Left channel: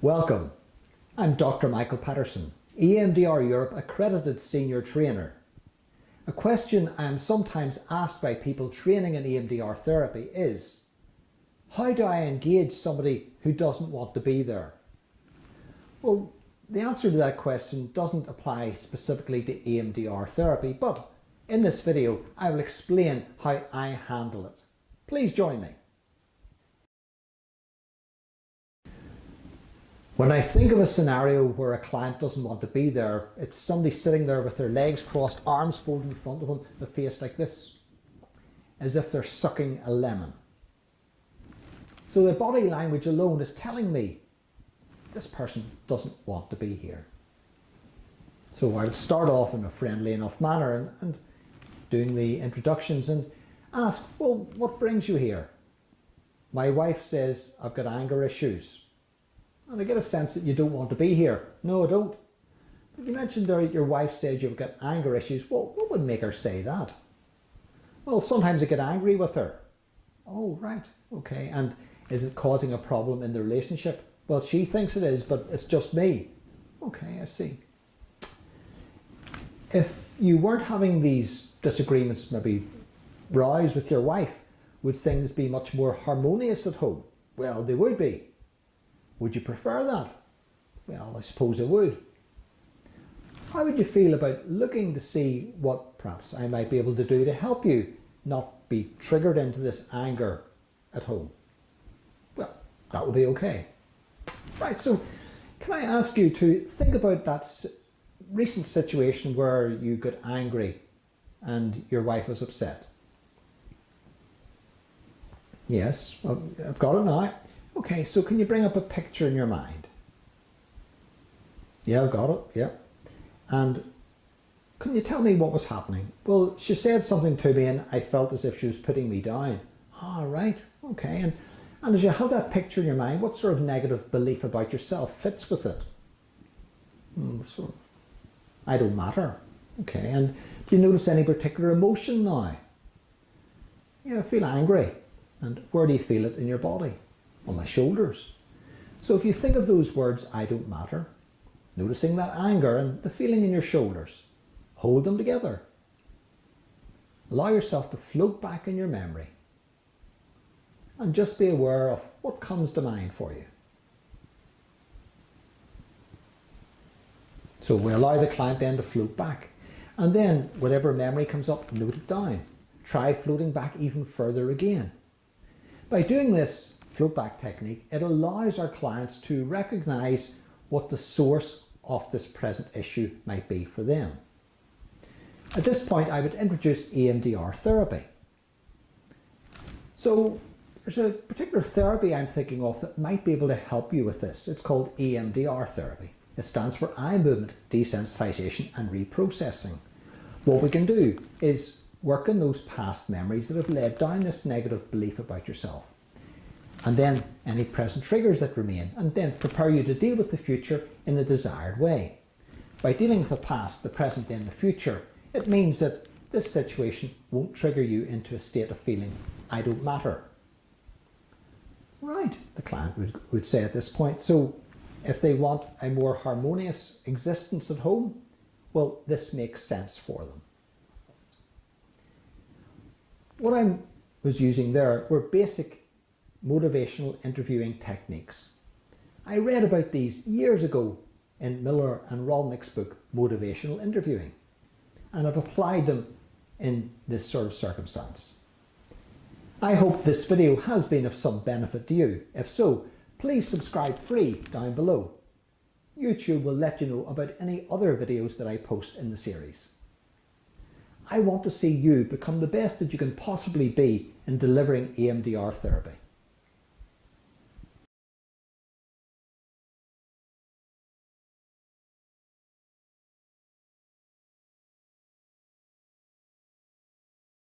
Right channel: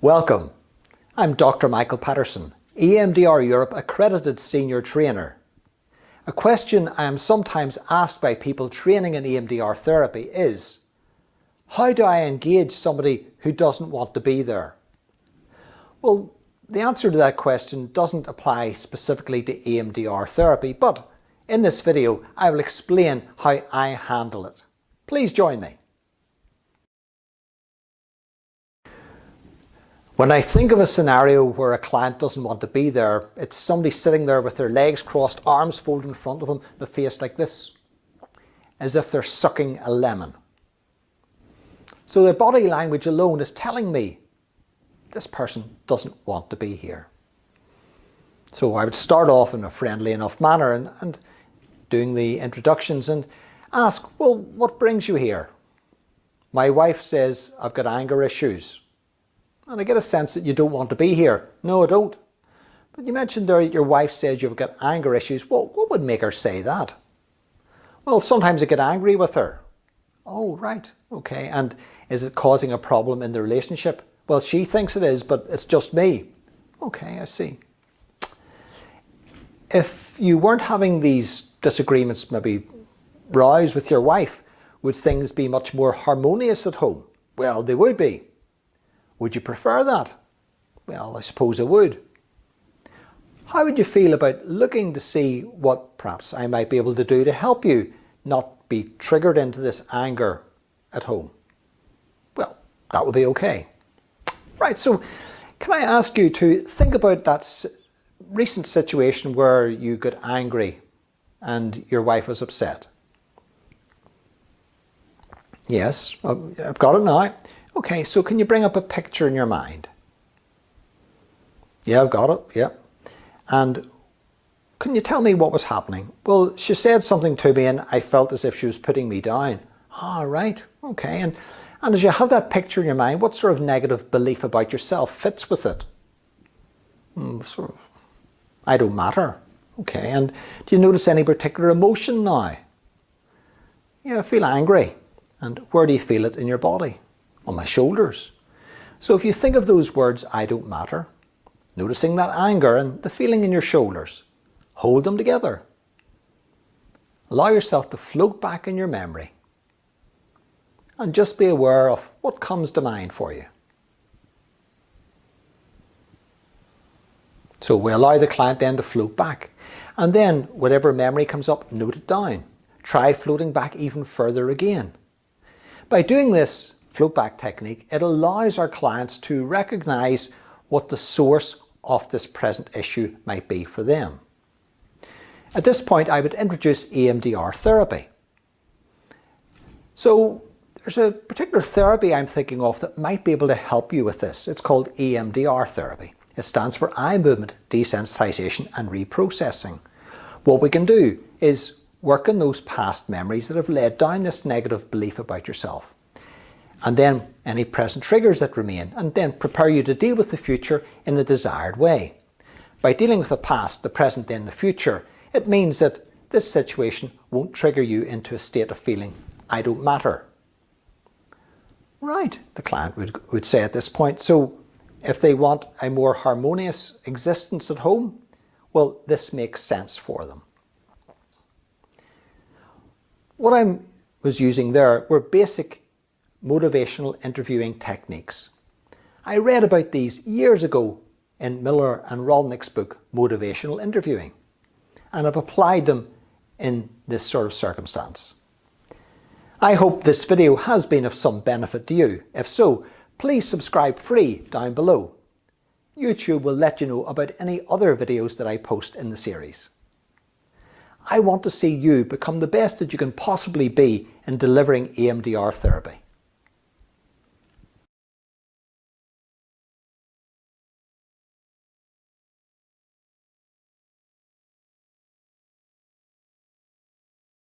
Welcome. I'm Dr. Michael Paterson, EMDR Europe Accredited Senior Trainer. A question I am sometimes asked by people training in EMDR therapy is, how do I engage somebody who doesn't want to be there? Well, the answer to that question doesn't apply specifically to EMDR therapy, but in this video I will explain how I handle it. Please join me. When I think of a scenario where a client doesn't want to be there, it's somebody sitting there with their legs crossed, arms folded in front of them, the face like this, as if they're sucking a lemon. So their body language alone is telling me this person doesn't want to be here. So I would start off in a friendly enough manner and doing the introductions and ask, well, what brings you here? My wife says I've got anger issues. And I get a sense that you don't want to be here. No, I don't. But you mentioned there your wife says you've got anger issues. Well, what would make her say that? Well, sometimes I get angry with her. Oh, right. Okay. And is it causing a problem in the relationship? Well, she thinks it is, but it's just me. Okay, I see. If you weren't having these disagreements, maybe rows with your wife, would things be much more harmonious at home? Well, they would be. Would you prefer that? Well, I suppose I would. How would you feel about looking to see what perhaps I might be able to do to help you not be triggered into this anger at home? Well, that would be okay. Right, so can I ask you to think about that recent situation where you got angry and your wife was upset? Yes, I've got it now. Okay, so can you bring up a picture in your mind? Yeah, I've got it, yeah. And can you tell me what was happening? Well, she said something to me and I felt as if she was putting me down. Ah, right, okay. And as you have that picture in your mind, what sort of negative belief about yourself fits with it? Sort of, I don't matter. Okay, and do you notice any particular emotion now? Yeah, I feel angry. And where do you feel it in your body? On my shoulders. So if you think of those words, I don't matter, noticing that anger and the feeling in your shoulders, hold them together. Allow yourself to float back in your memory and just be aware of what comes to mind for you. So we allow the client then to float back, and then whatever memory comes up, note it down. Try floating back even further again. By doing this float back technique, it allows our clients to recognize what the source of this present issue might be for them. At this point, I would introduce EMDR therapy. So there's a particular therapy I'm thinking of that might be able to help you with this. It's called EMDR therapy. It stands for eye movement desensitization and reprocessing. What we can do is work on those past memories that have led down this negative belief about yourself, and then any present triggers that remain, and then prepare you to deal with the future in a desired way. By dealing with the past, the present, and the future, it means that this situation won't trigger you into a state of feeling, I don't matter. Right, the client would say at this point. So if they want a more harmonious existence at home, well, this makes sense for them. What I was using there were basic motivational interviewing techniques. I read about these years ago in Miller and Rolnick's book, Motivational Interviewing, and I've applied them in this sort of circumstance. I hope this video has been of some benefit to you. If so, please subscribe free down below. YouTube will let you know about any other videos that I post in the series. I want to see you become the best that you can possibly be in delivering EMDR therapy.